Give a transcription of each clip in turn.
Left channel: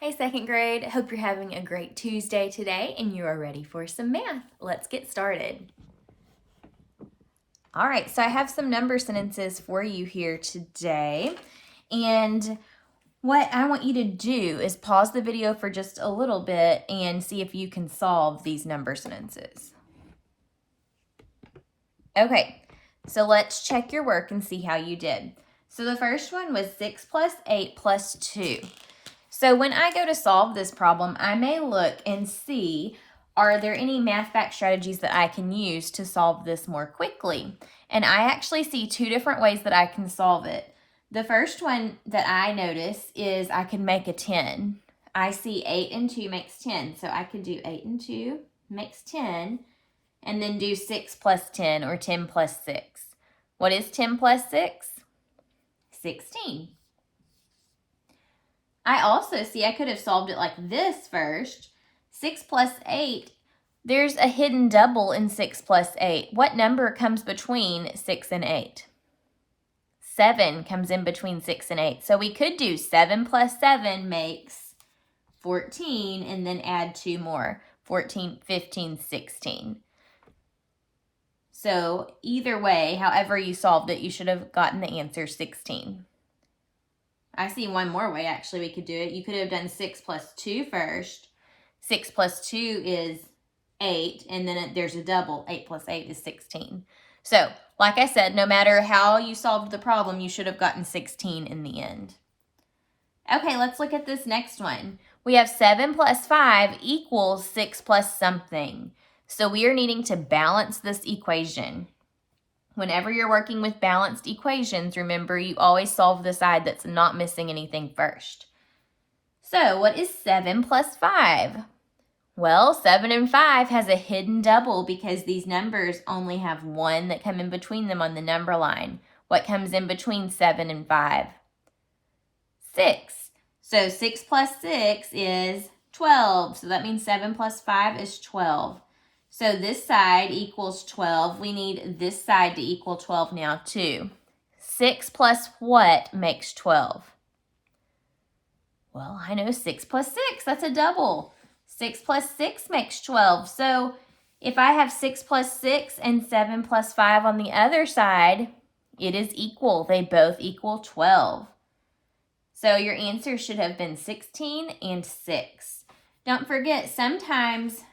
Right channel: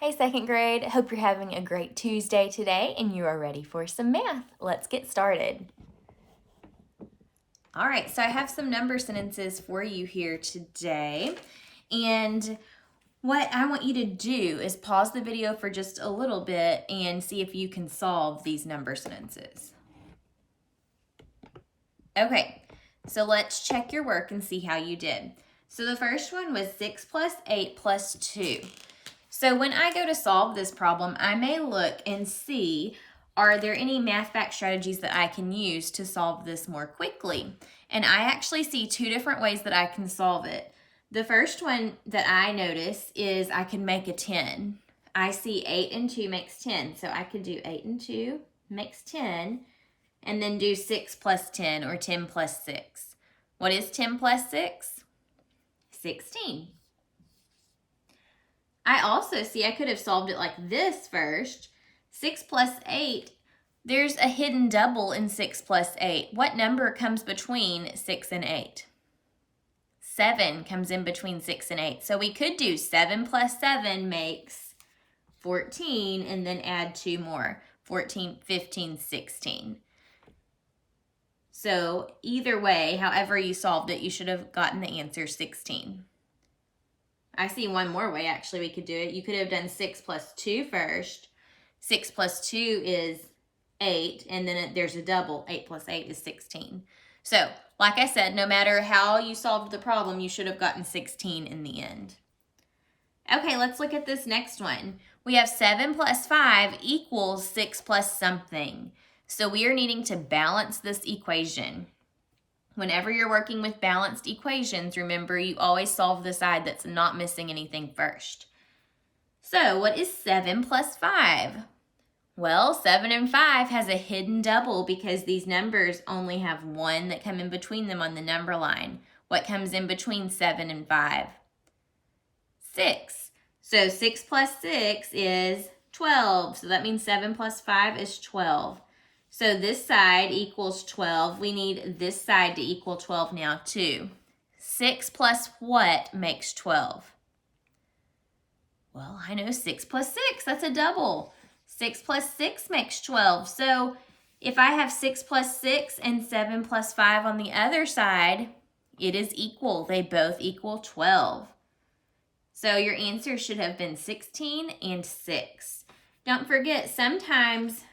Hey, second grade. Hope you're having a great Tuesday today and you are ready for some math. Let's get started. All right, so I have some number sentences for you here today. And what I want you to do is pause the video for just a little bit and see if you can solve these number sentences. Okay, so let's check your work and see how you did. So the first one was 6 plus 8 plus 2. So when I go to solve this problem, I may look and see, are there any math fact strategies that I can use to solve this more quickly? And I actually see two different ways that I can solve it. The first one that I notice is I can make a 10. I see 8 and 2 makes 10. So I could do 8 and 2 makes 10, and then do 6 plus 10 or 10 plus 6. What is 10 plus 6? 16. I also see I could have solved it like this first. 6 plus 8, there's a hidden double in 6 plus 8. What number comes between 6 and 8? 7 comes in between 6 and 8. So we could do 7 plus 7 makes 14 and then add 2 more. 14, 15, 16. So either way, however you solved it, you should have gotten the answer 16. I see one more way, actually, we could do it. You could have done 6 plus 2 first. 6 plus 2 is 8, and then there's a double. 8 plus 8 is 16. So, like I said, no matter how you solved the problem, you should have gotten 16 in the end. Okay, let's look at this next one. We have 7 plus 5 equals 6 plus something. So we are needing to balance this equation. Whenever you're working with balanced equations, remember you always solve the side that's not missing anything first. So what is 7 plus 5? Well, 7 and 5 has a hidden double because these numbers only have 1 that come in between them on the number line. What comes in between 7 and 5? 6. So 6 plus 6 is 12. So that means 7 plus 5 is 12. So this side equals 12. We need this side to equal 12 now too. 6 plus what makes 12? Well, I know 6 plus 6, that's a double. 6 plus 6 makes 12. So if I have 6 plus 6 and 7 plus 5 on the other side, it is equal. They both equal 12. So your answer should have been 16 and 6. Don't forget, sometimes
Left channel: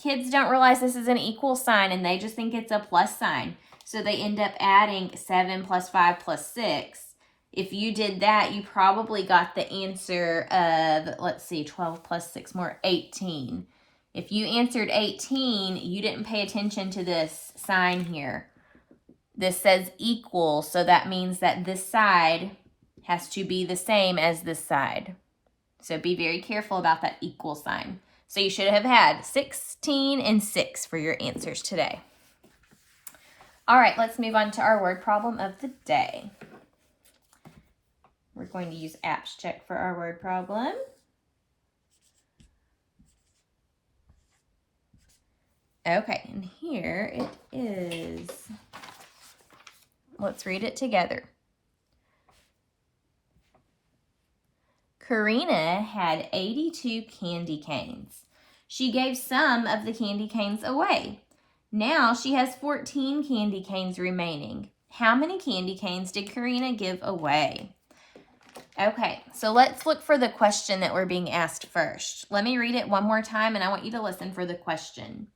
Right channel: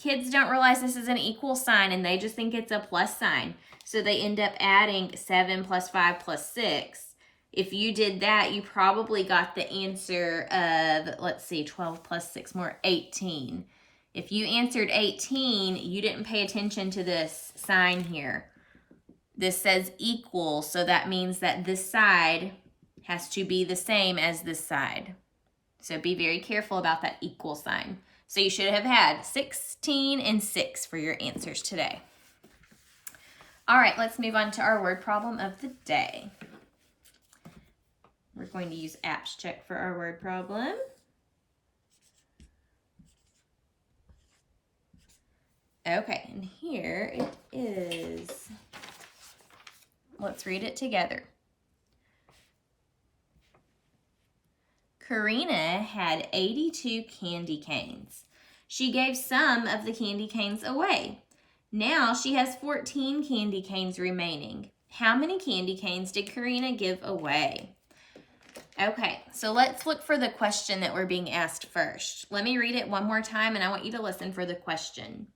kids don't realize this is an equal sign and they just think it's a plus sign. So they end up adding 7 plus 5 plus 6. If you did that, you probably got the answer of, let's see, 12 plus 6 more, 18. If you answered 18, you didn't pay attention to this sign here. This says equal, so that means that this side has to be the same as this side. So be very careful about that equal sign. So you should have had 16 and 6 for your answers today. All right, let's move on to our word problem of the day. We're going to use Apps Check for our word problem. Okay, and here it is. Let's read it together. Karina had 82 candy canes. She gave some of the candy canes away. Now she has 14 candy canes remaining. How many candy canes did Karina give away? Okay, so let's look for the question that we're being asked first. Let me read it one more time and I want you to listen for the question.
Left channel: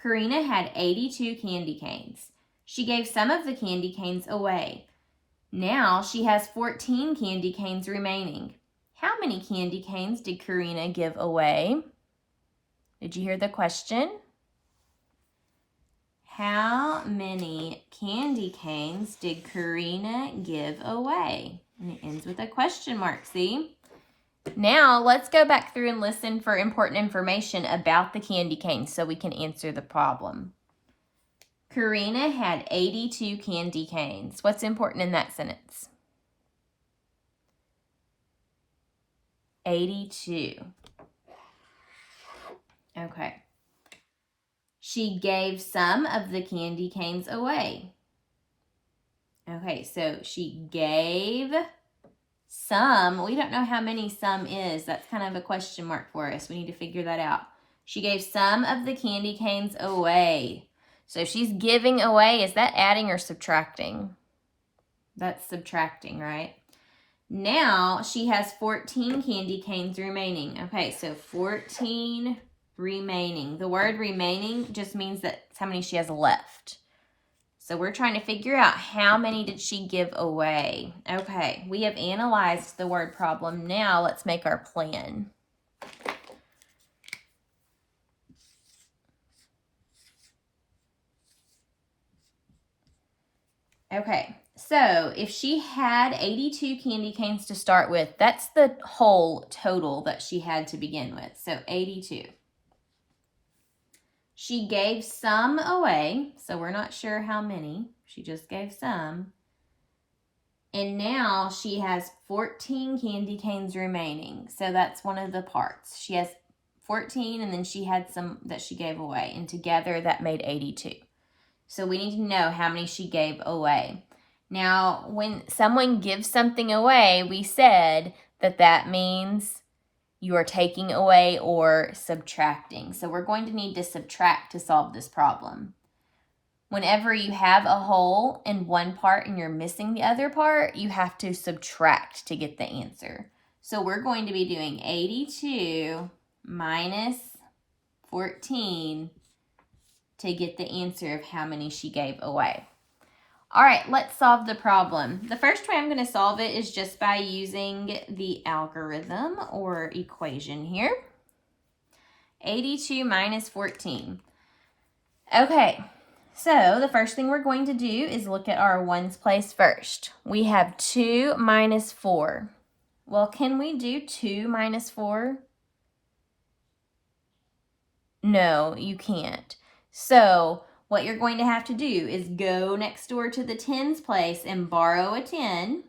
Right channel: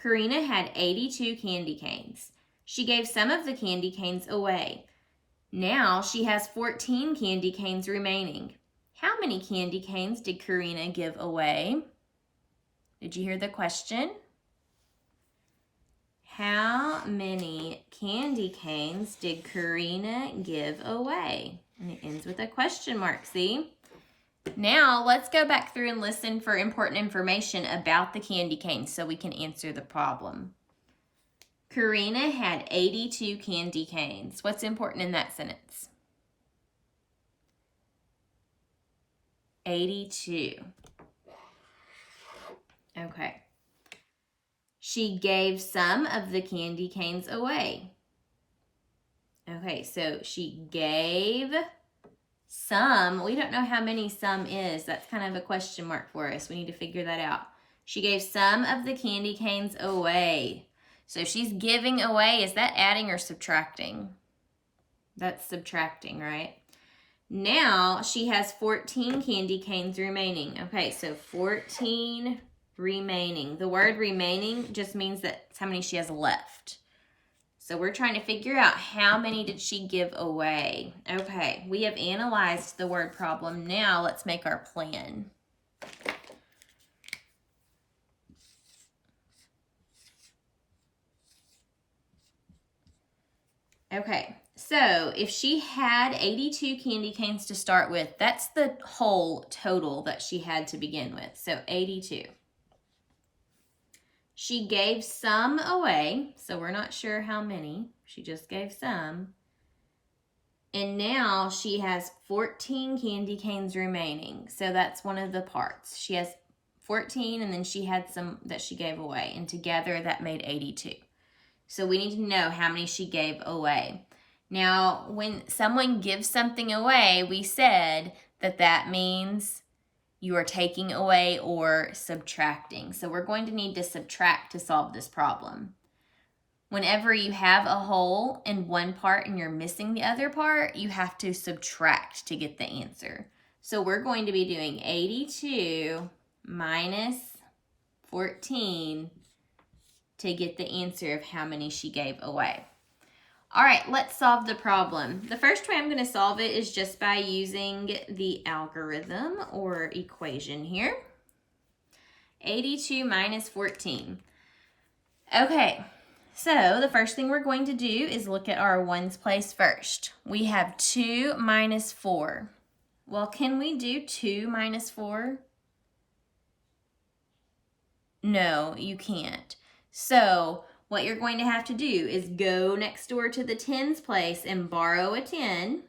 Karina had 82 candy canes. She gave some of the candy canes away. Now she has 14 candy canes remaining. How many candy canes did Karina give away? Did you hear the question? How many candy canes did Karina give away? And it ends with a question mark, see? Now let's go back through and listen for important information about the candy canes so we can answer the problem. Karina had 82 candy canes. What's important in that sentence? 82. Okay. She gave some of the candy canes away. Okay, so she gave Some, we don't know how many some is. That's kind of a question mark for us. We need to figure that out. She gave some of the candy canes away. So she's giving away. Is that adding or subtracting? That's subtracting, right? Now she has 14 candy canes remaining. Okay, so 14 remaining. The word remaining just means that's how many she has left. So we're trying to figure out how many did she give away. Okay, we have analyzed the word problem. Now let's make our plan. Okay, so if she had 82 candy canes to start with, that's the whole total that she had to begin with. So 82. She gave some away, so we're not sure how many. She just gave some. And now she has 14 candy canes remaining. So that's one of the parts. She has 14 and then she had some that she gave away. And together that made 82. So we need to know how many she gave away. Now, when someone gives something away, we said that that means you are taking away or subtracting. So we're going to need to subtract to solve this problem. Whenever you have a whole in one part and you're missing the other part, you have to subtract to get the answer. So we're going to be doing 82 minus 14 to get the answer of how many she gave away. All right, let's solve the problem. The first way I'm going to solve it is just by using the algorithm or equation here. 82 minus 14. Okay, so the first thing we're going to do is look at our ones place first. We have 2 minus 4. Well, can we do 2 minus 4? No, you can't. So what you're going to have to do is go next door to the tens place and borrow a 10.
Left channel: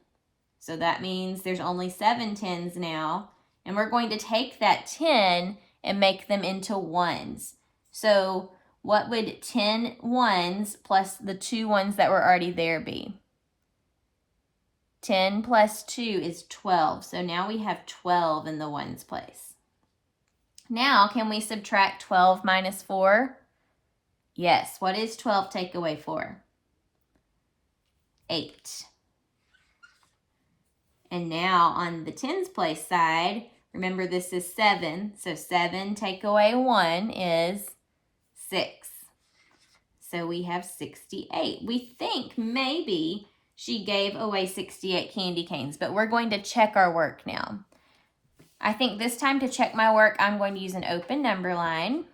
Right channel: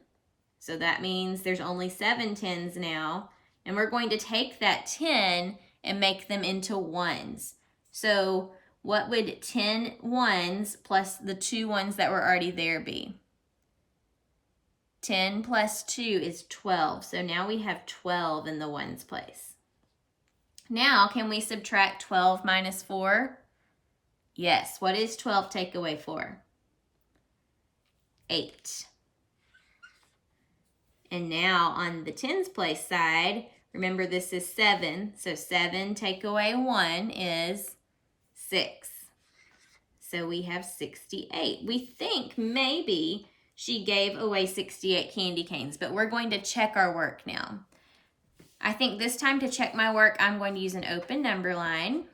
So that means there's only 7 tens now. And we're going to take that 10 and make them into ones. So what would 10 ones plus the 2 ones that were already there be? 10 plus 2 is 12. So now we have 12 in the ones place. Now, can we subtract 12 minus 4? Yes. What is 12 take away 4? 8. And now on the tens place side, remember this is 7. So 7 take away 1 is 6. So we have 68. We think maybe she gave away 68 candy canes, but we're going to check our work now. I think this time to check my work, I'm going to use an open number line.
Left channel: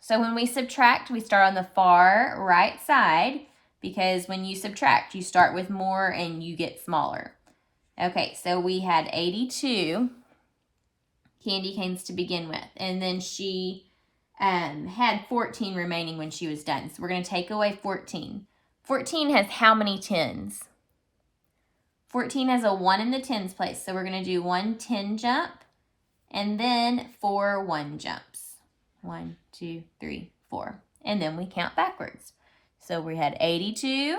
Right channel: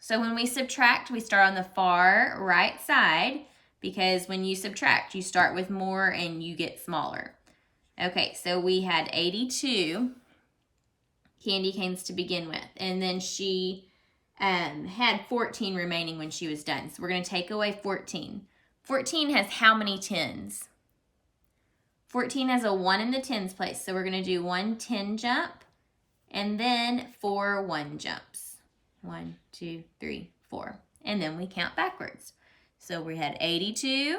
So when we subtract, we start on the far right side because when you subtract, you start with more and you get smaller. Okay, so we had 82 candy canes to begin with, and then she had 14 remaining when she was done. So we're going to take away 14. 14 has how many tens? 14 has a 1 in the tens place, so we're going to do 1 10 jump and then 4 1 jumps. 1, 2, 3, 4. And then we count backwards. So we had 82,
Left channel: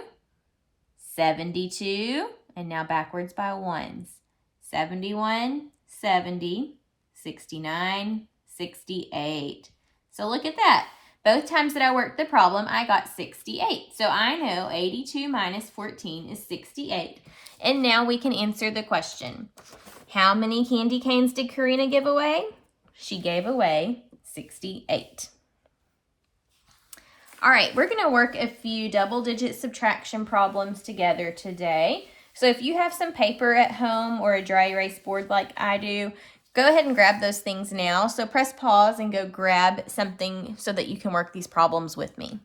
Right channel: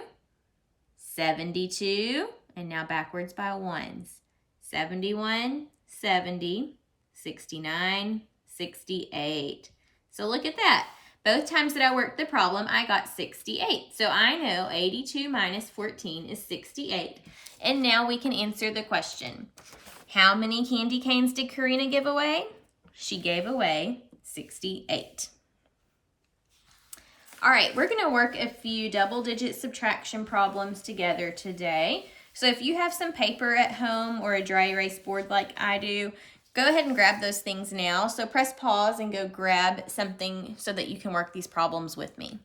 72, and now backwards by ones. 71, 70, 69, 68. So look at that. Both times that I worked the problem, I got 68. So I know 82 minus 14 is 68. And now we can answer the question. How many candy canes did Karina give away? She gave away 68. All right, we're going to work a few double-digit subtraction problems together today. So if you have some paper at home or a dry erase board like I do, go ahead and grab those things now. So press pause and go grab something so that you can work these problems with me.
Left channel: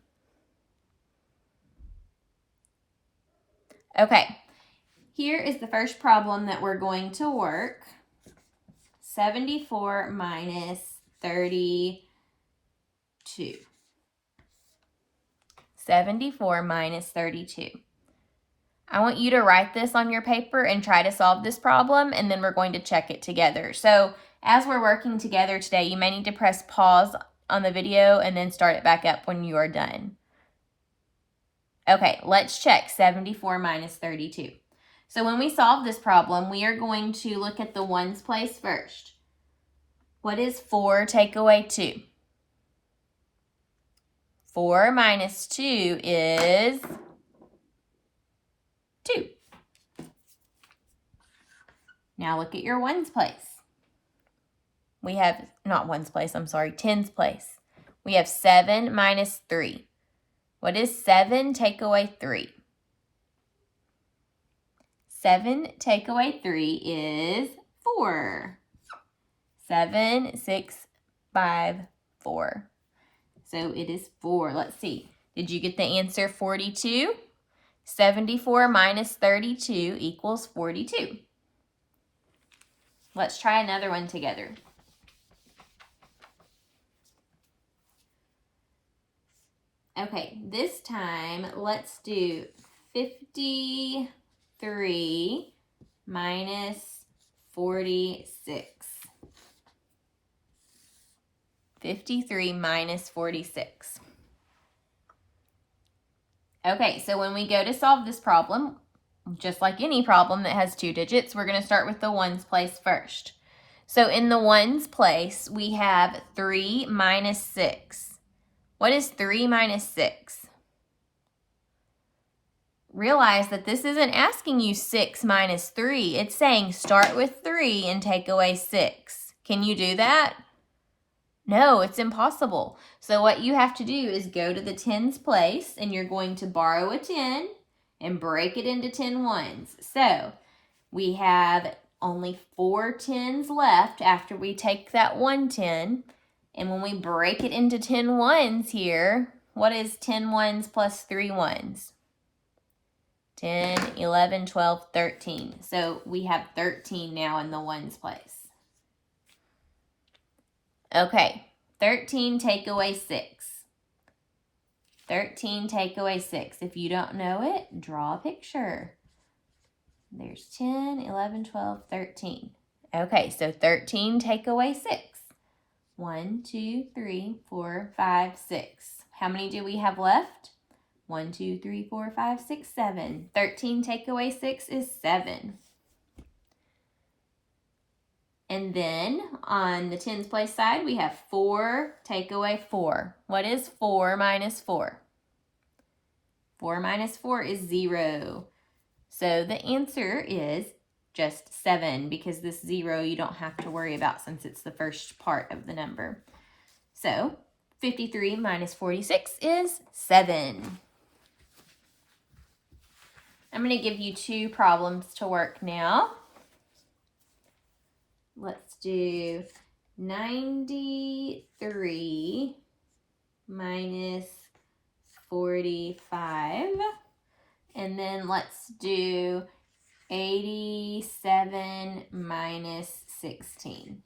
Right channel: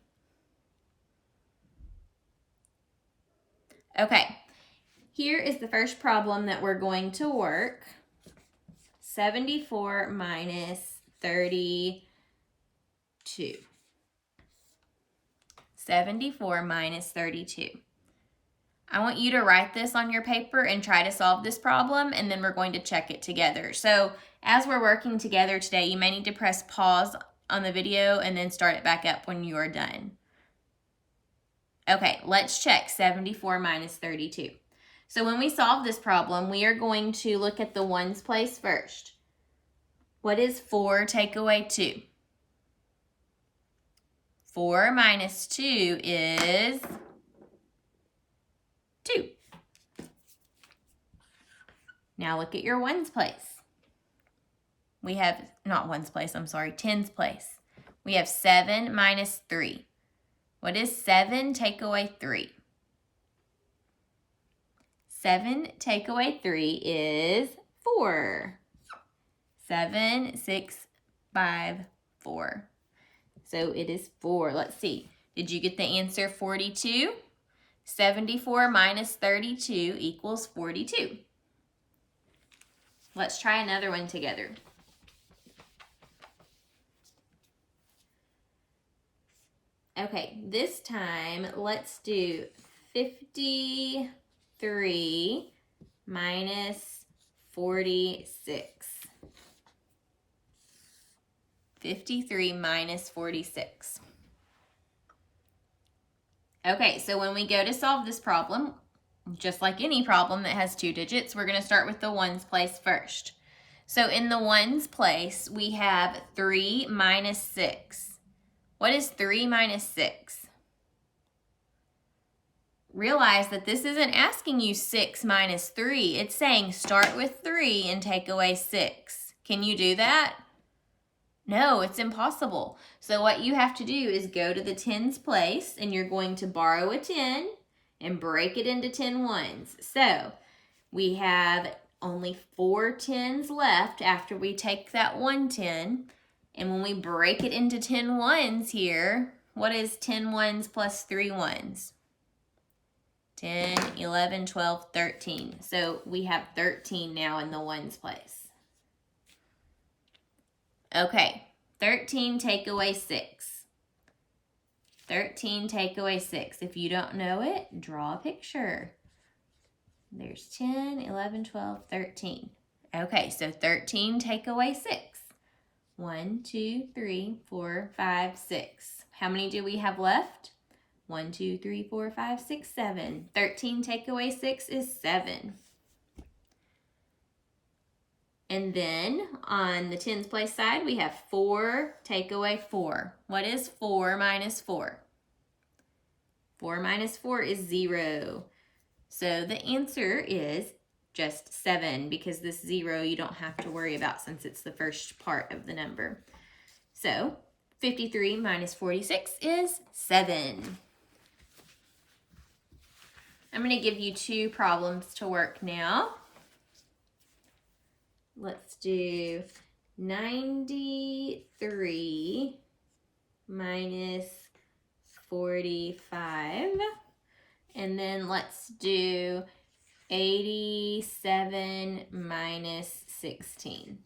Okay, here is the first problem that we're going to work. 74 minus 32. 74 minus 32. I want you to write this on your paper and try to solve this problem, and then we're going to check it together. So as we're working together today, you may need to press pause on the video and then start it back up when you are done. Okay, let's check 74 minus 32. So when we solve this problem, we are going to look at the ones place first. What is 4 take away 2? 4 minus 2 is 2. Now look at your ones place. We have, not ones place, I'm sorry, tens place. We have 7 minus 3. What is 7 take away 3? 7 take away 3 is 4. 7, 6, 5, 4. So it is 4. Let's see. Did you get the answer 42? 74 minus 32 equals 42. Let's try another one together. Okay, this time let's do 53 minus 46. 53 minus 46. Okay, so when we go to solve this problem, just like any problem that has 2 digits, we're going to start with the ones place first. So in the ones place, we have 3 minus 6. What is 3 minus 6? Realize that this isn't asking you 6 minus 3. It's saying start with 3 and take away 6. Can you do that? No, it's impossible. So what you have to do is go to the tens place, and you're going to borrow a 10 and break it into 10 ones. So we have only 4 tens left after we take that 1 10. And when we break it into 10 ones here, what is 10 ones plus 3 ones? 10, 11, 12, 13. So we have 13 now in the ones place. Okay, 13 take away 6. 13 take away 6. If you don't know it, draw a picture. There's 10, 11, 12, 13. Okay, so 13 take away 6. 1, 2, 3, 4, 5, 6. How many do we have left? 1, 2, 3, 4, 5, 6, 7. 13 take away 6 is 7. And then on the tens place side, we have 4 take away 4. What is 4 minus 4? 4 minus 4 is 0. So the answer is just 7, because this 0 you don't have to worry about since it's the first part of the number. So 53 minus 46 is 7. I'm going to give you 2 problems to work now. Let's do 93 minus 45. And then let's do 87 minus 16.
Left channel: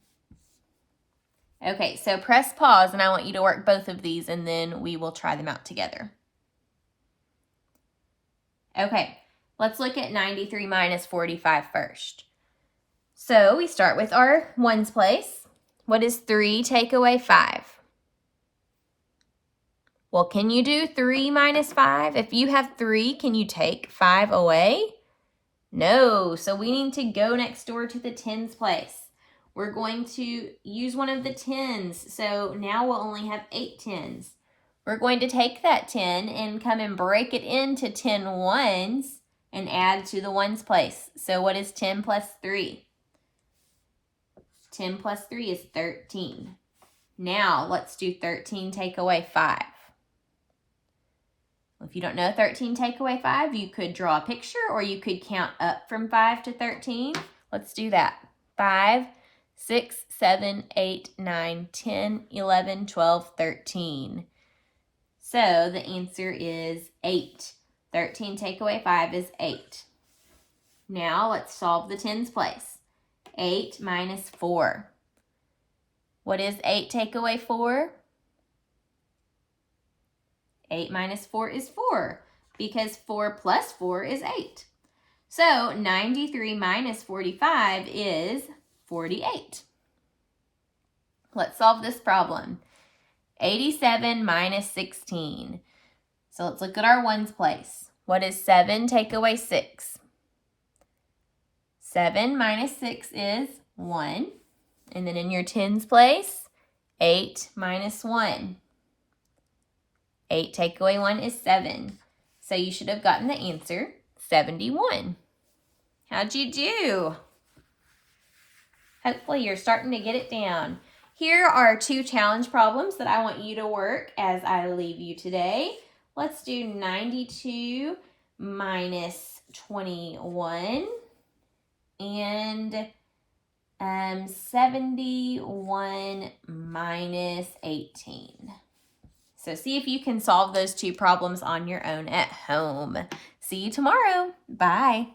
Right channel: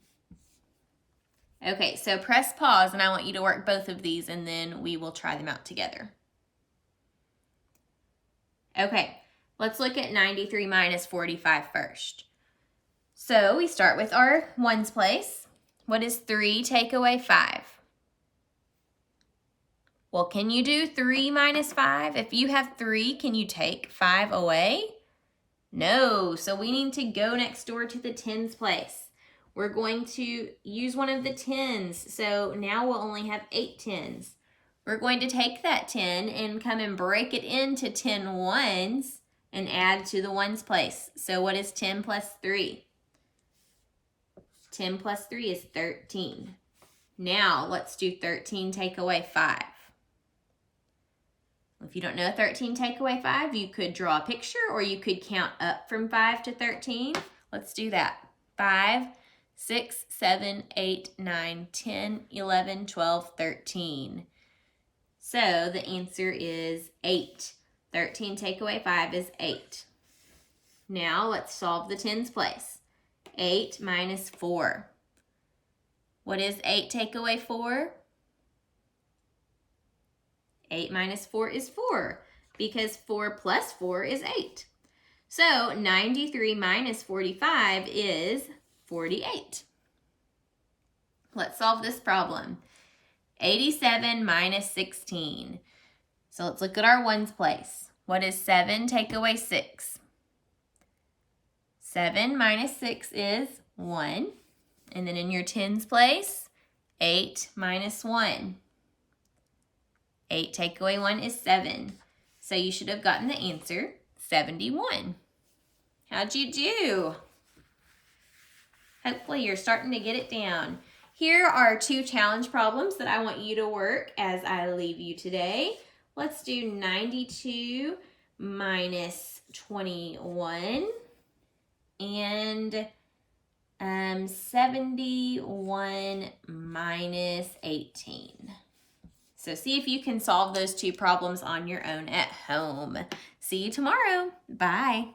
Okay, so press pause and I want you to work both of these and then we will try them out together. Okay, let's look at 93 minus 45 first. So we start with our ones place. What is 3 take away 5? Well, can you do 3 minus 5? If you have 3, can you take 5 away? No, so we need to go next door to the tens place. We're going to use one of the tens, so now we'll only have 8 tens. We're going to take that 10 and come and break it into 10 ones and add to the ones place. So what is 10 plus 3? 10 plus 3 is 13. Now let's do 13 take away 5. If you don't know 13 take away 5, you could draw a picture or you could count up from 5 to 13. Let's do that. 5, 6, 7, 8, 9, 10, 11, 12, 13. So the answer is 8. 13 take away 5 is 8. Now let's solve the tens place. 8 minus 4. What is 8 take away 4? 8 minus 4 is 4, because 4 plus 4 is 8. So 93 minus 45 is 48. Let's solve this problem. 87 minus 16. So let's look at our ones place. What is 7 take away 6? 7 minus 6 is 1. And then in your tens place, 8 minus 1. 8 take away 1 is 7. So you should have gotten the answer, 71. How'd you do? Hopefully you're starting to get it down. Here are 2 challenge problems that I want you to work as I leave you today. Let's do 92 minus 21 and 71 minus 18. So see if you can solve those 2 problems on your own at home. See you tomorrow. Bye.